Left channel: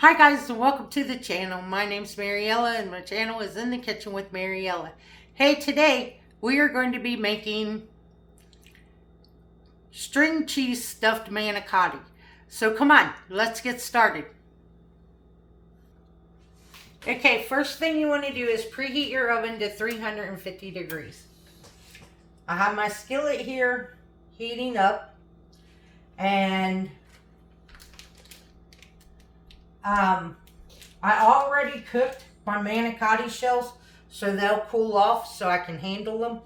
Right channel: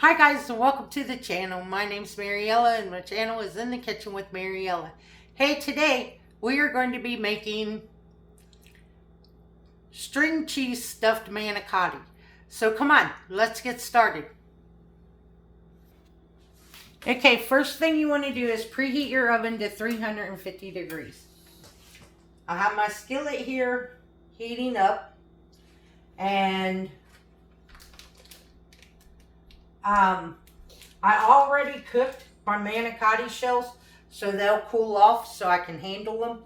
Hi guys and welcome to the channel. My name's Mariella and my channel is In the Kitchen with Mariella. Hey, today we are going to be making string cheese stuffed manicotti. So come on, let's get started. Okay, first thing you want to do is preheat your oven to 350 degrees. I have my skillet here heating up, and I already cooked my manicotti shells so they'll cool off so I can handle them.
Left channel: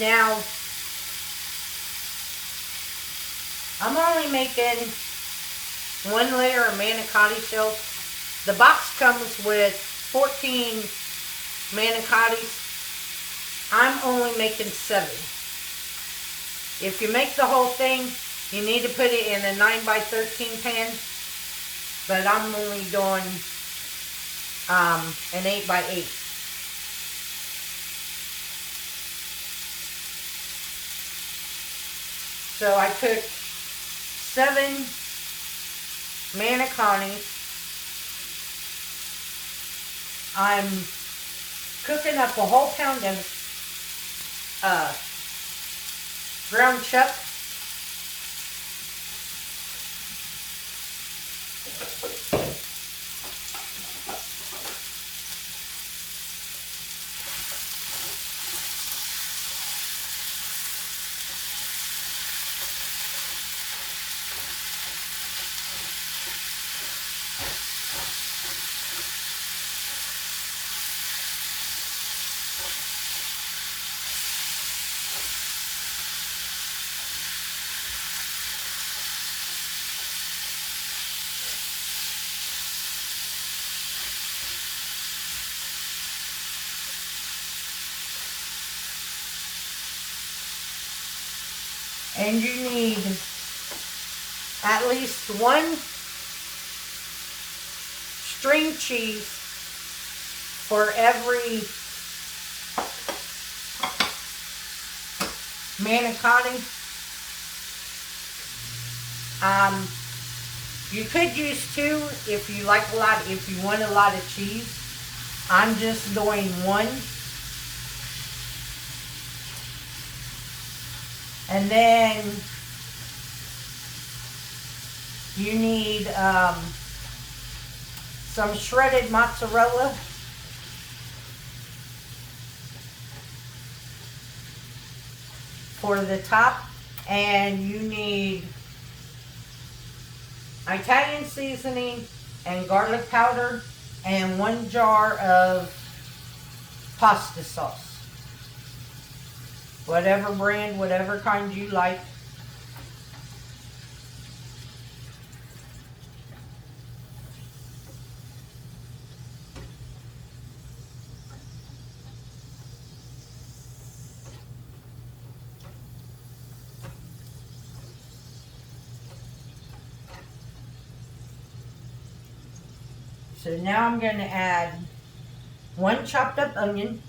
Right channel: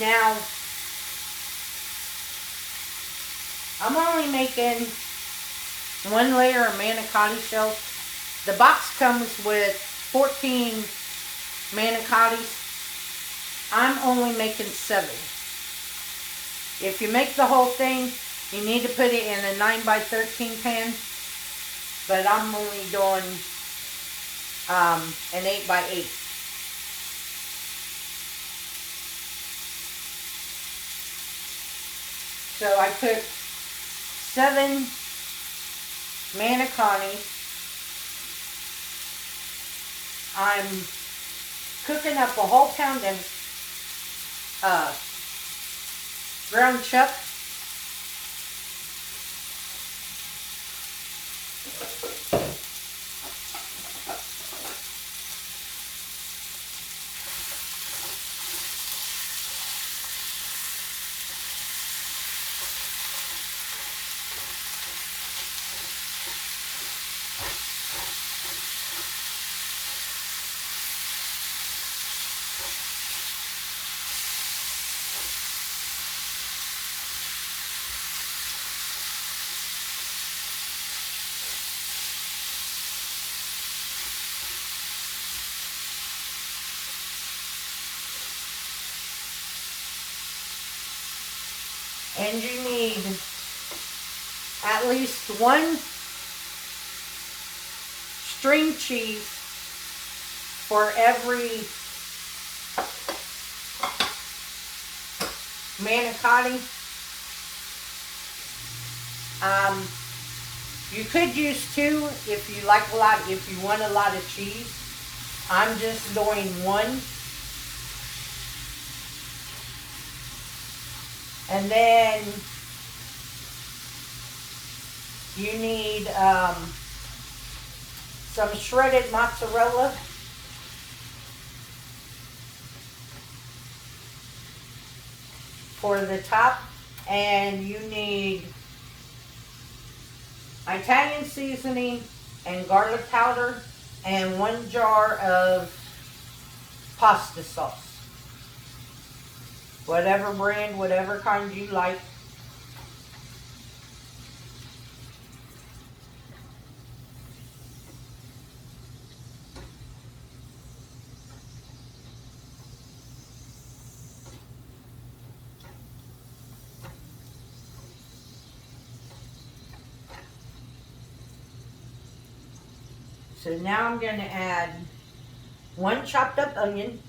Now, I'm only making one layer of manicotti shells. The box comes with 14 manicottis. I'm only making 7. If you make the whole thing, you need to put it in a 9x13 pan. But I'm only doing an 8x8. So I took 7 Manaconi. I'm cooking up a whole pound of ground chuck. And you need at least 1 string cheese for every manicotti. You could use 2 if you like if you want a lot of cheese. I'm just doing 1. And then you need some shredded mozzarella. For the top. And you need Italian seasoning and garlic powder and 1 jar of pasta sauce. Whatever brand, whatever kind you like. So now I'm going to add 1 chopped up onion.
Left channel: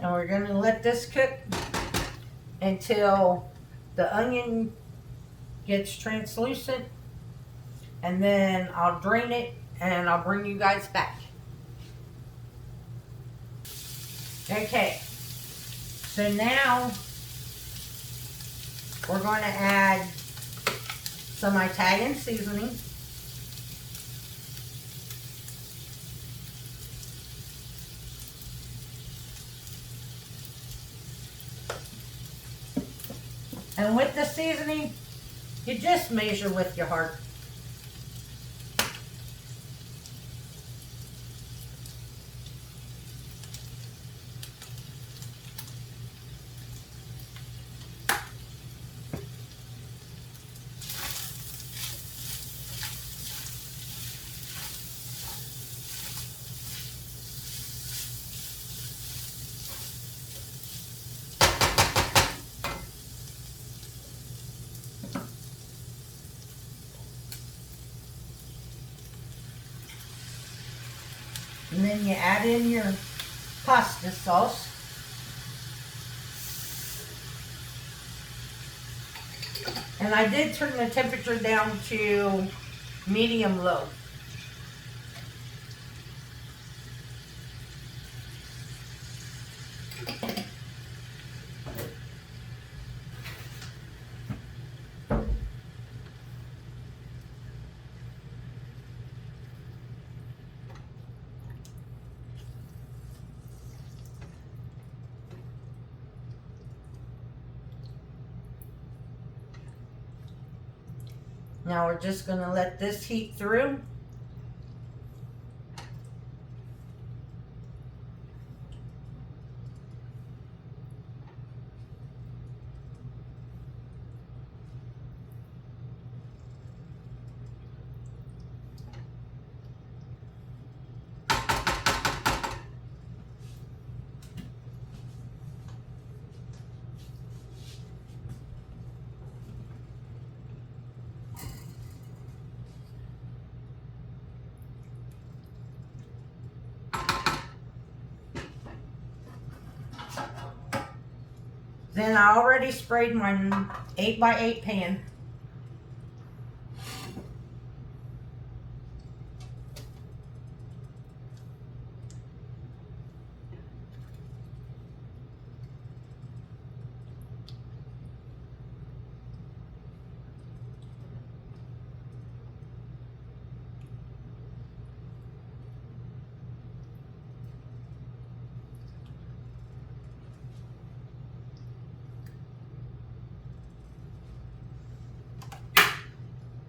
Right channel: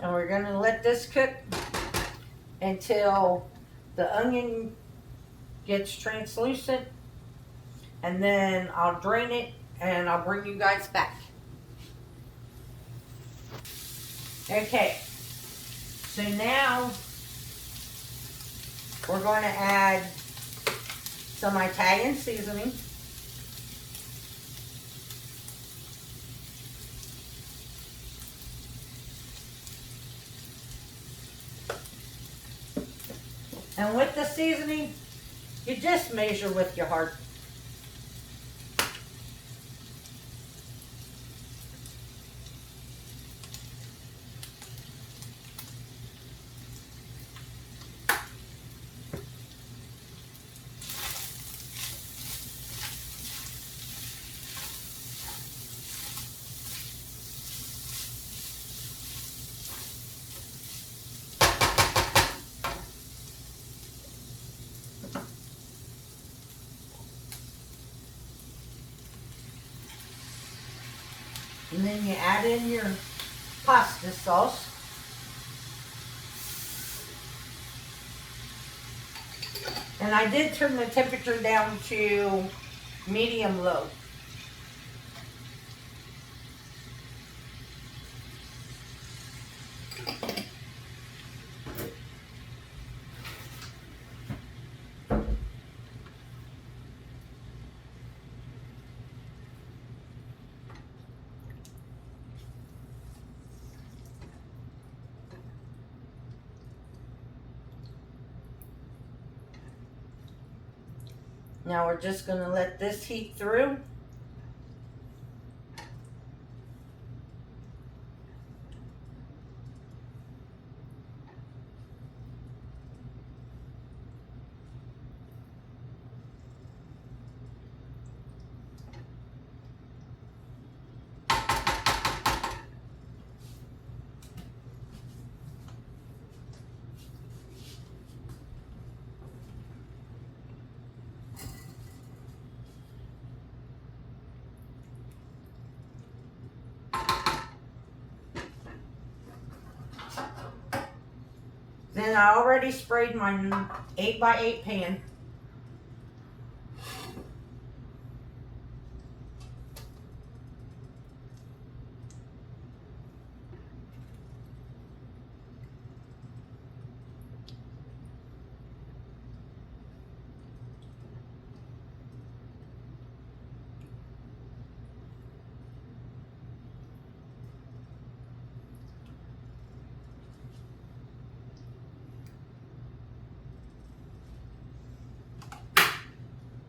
And we're going to let this cook until the onion gets translucent, and then I'll drain it and I'll bring you guys back. Okay, so now we're going to add some Italian seasoning. And with the seasoning, you just measure with your heart. And then you add in your pasta sauce. And I did turn the temperature down to medium low. Now we're just going to let this heat through. Then I already sprayed my 8x8 pan.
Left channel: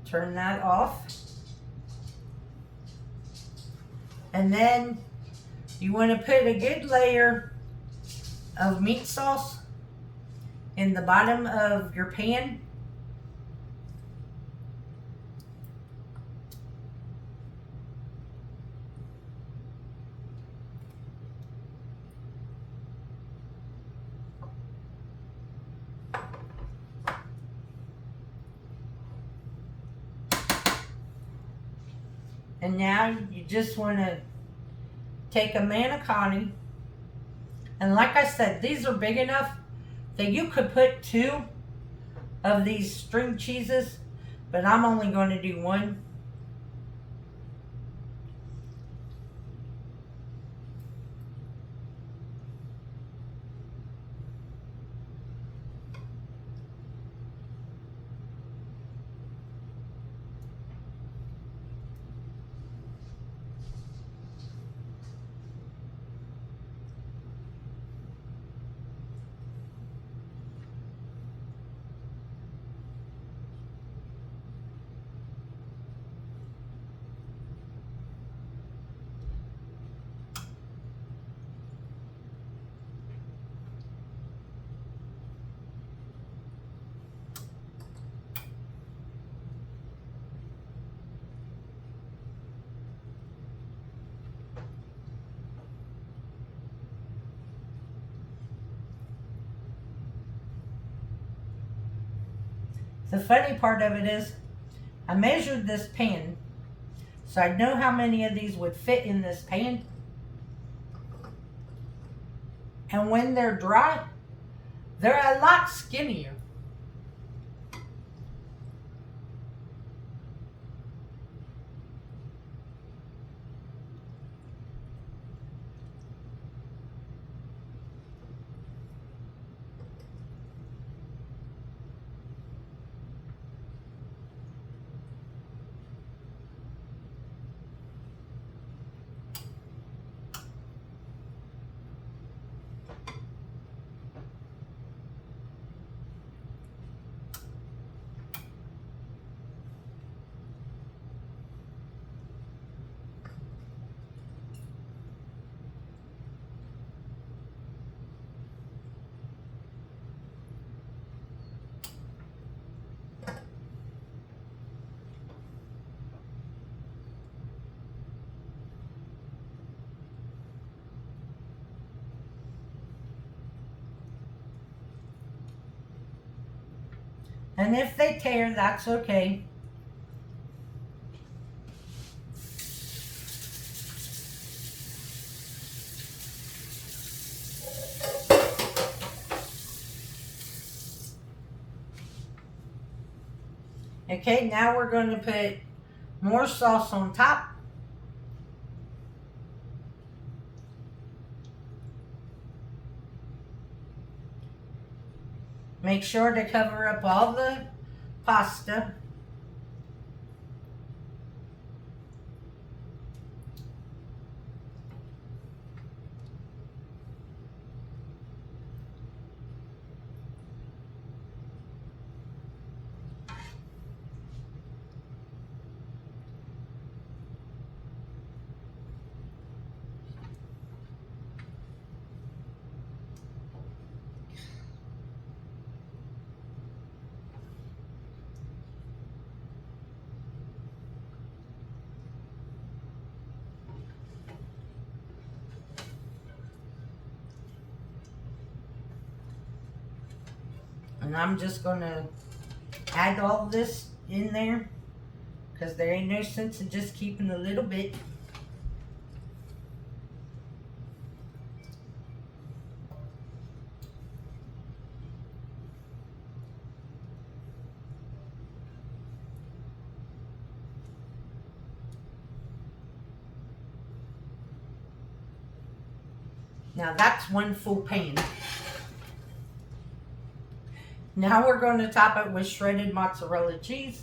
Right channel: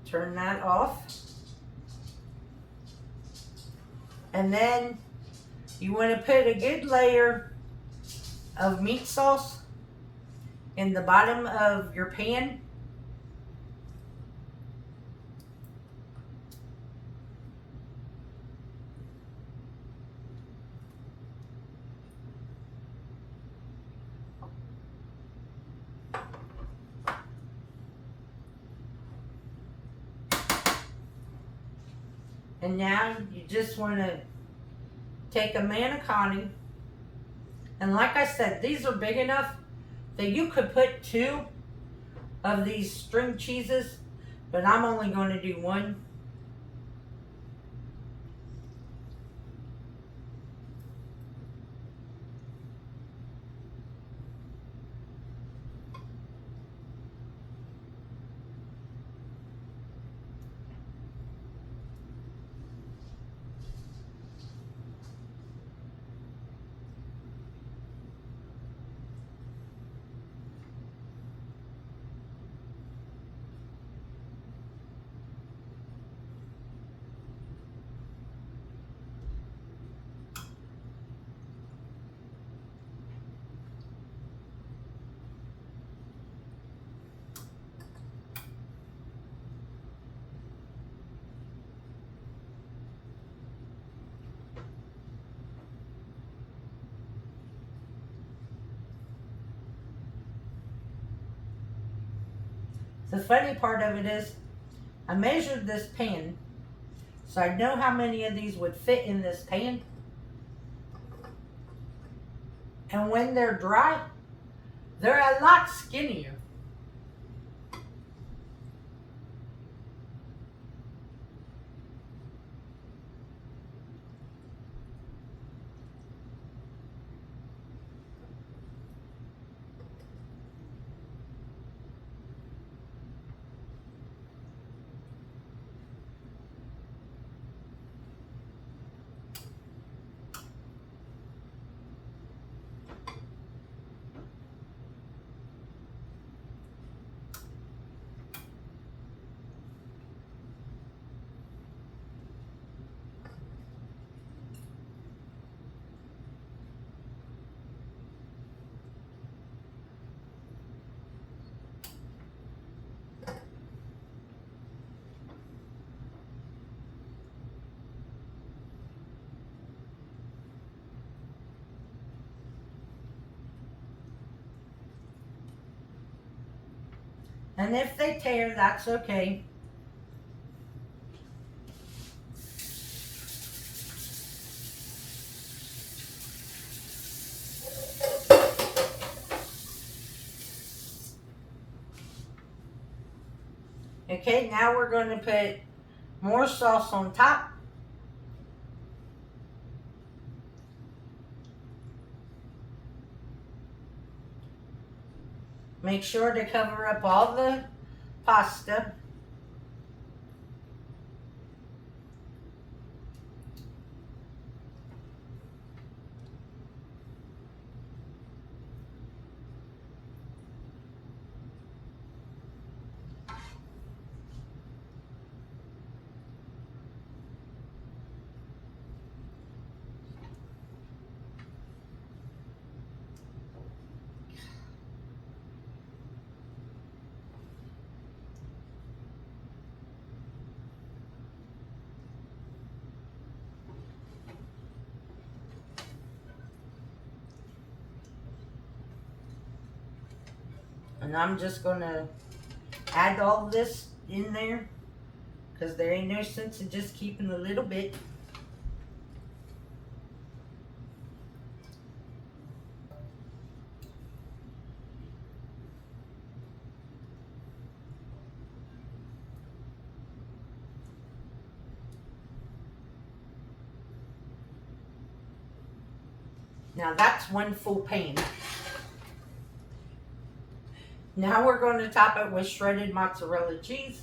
Turn that off. And then you want to put a good layer of meat sauce in the bottom of your pan. And now you just want to take a Manicotti, and like I said, these are big enough that you could put 2 of these string cheeses, but I'm only going to do 1. The funny part of it is, I measured this pan, so I know how many of these would fit in this pan. And when they're dry, they're a lot skinnier. And if they tear, that's okay. Okay, now we're going to put more sauce on top. Make sure to cover up all the pasta. And I'm just going to add all this in there because there ain't no sense in just keeping a little bit. Now that's one full pan. Now we're going to top it with shredded mozzarella cheese.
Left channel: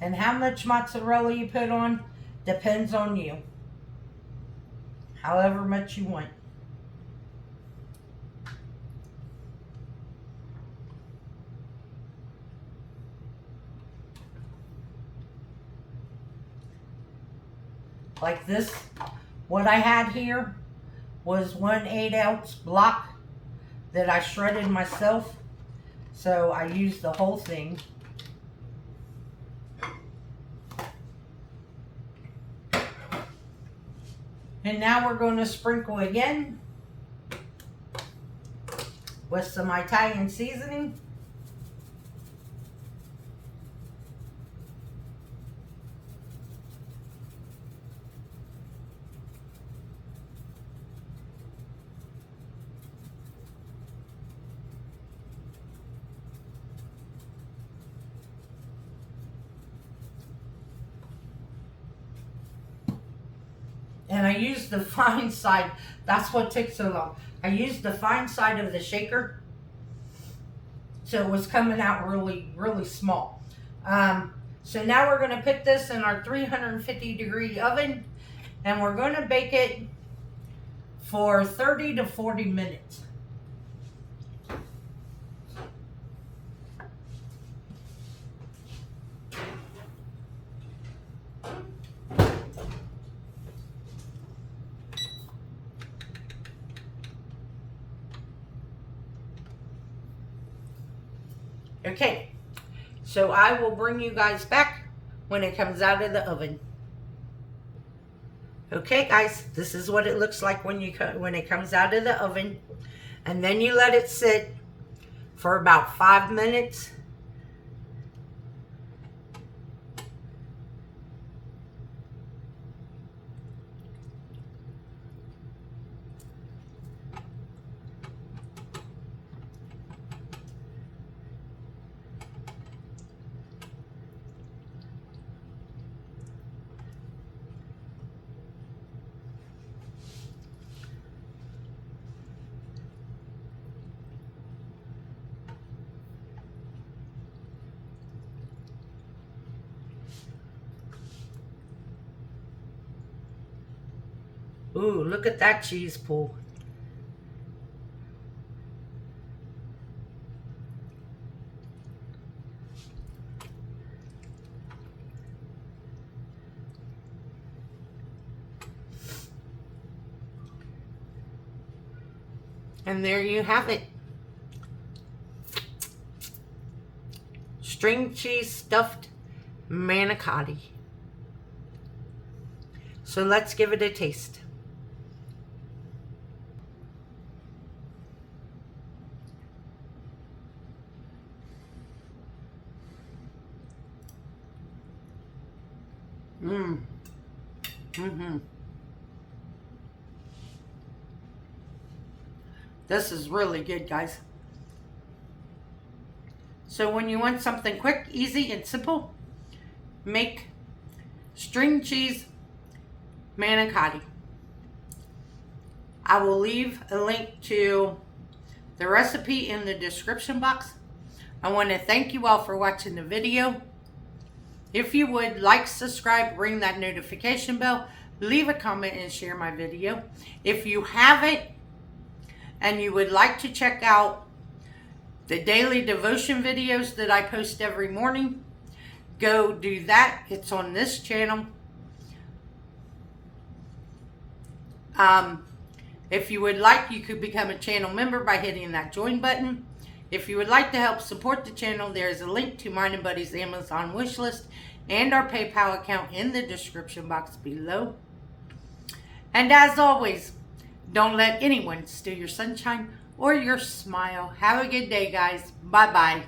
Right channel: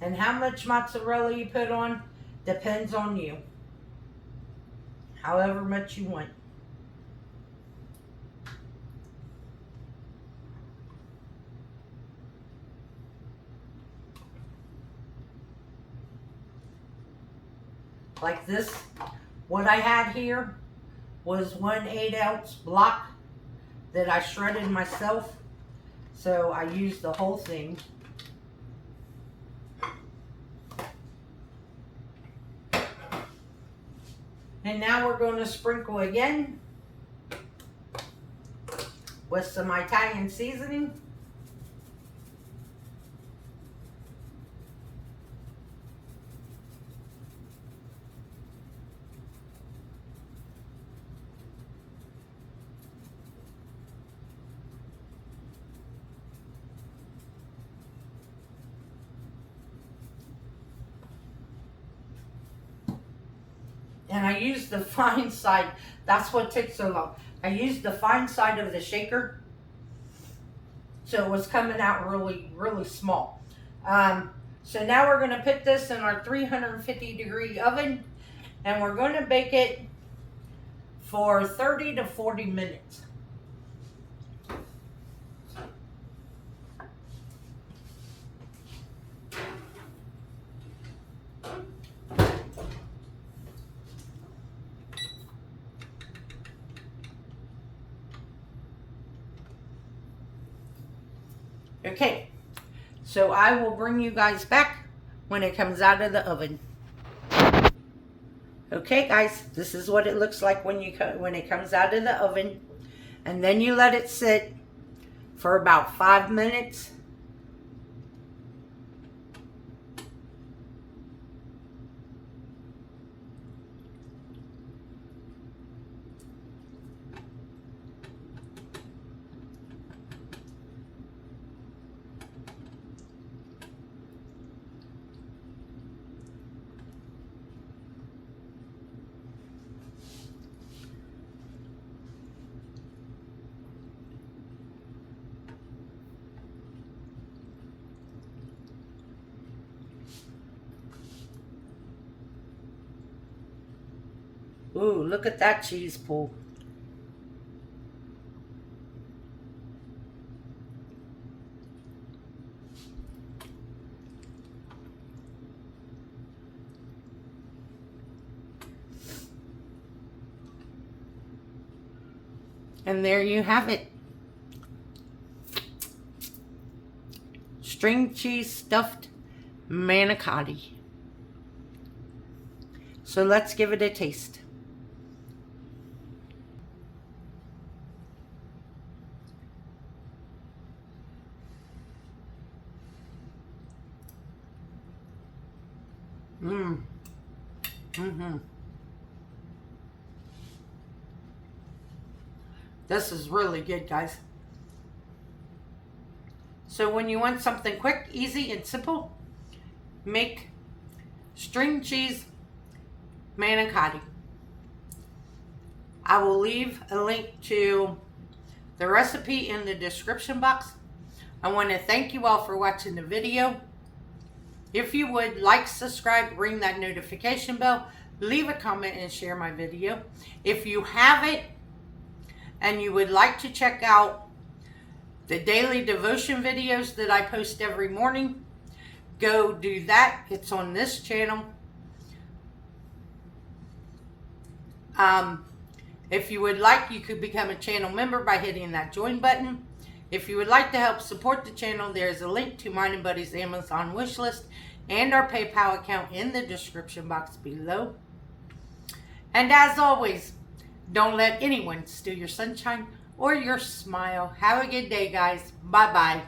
And how much mozzarella you put on depends on you. However much you want. Like this, what I had here was 1 8-ounce block that I shredded myself. So I used the whole thing. And now we're going to sprinkle again with some Italian seasoning. And I used the fine side. That's what took so long. I used the fine side of the shaker. So it was coming out really, really small. So now we're going to put this in our 350-degree oven. And we're going to bake it for 30 to 40 minutes. Okay, so I will bring you guys back when it comes out of the oven. Okay guys, this is what it looks like when it comes out of the oven. And then you let it sit for about 5 minutes. Ooh, look at that cheese pool. And there you have it. String cheese stuffed manicotti. So let's give it a taste. This is really good, guys. So when you want something quick, easy, and simple, make string cheese manicotti. I will leave a link to the recipe in the description box. I want to thank you all for watching the video. If you would like, subscribe, ring that notification bell, leave a comment, and share my video. If you haven't and you would like to check out the daily devotion videos that I post every morning, go do that. It's on this channel. If you would like, you could become a channel member by hitting that join button. If you would like to help support the channel, there is a link to mine and Buddy's Amazon wish list and our PayPal account in the description box below. And as always, don't let anyone steal your sunshine or your smile. Have a good day, guys. Bye-bye.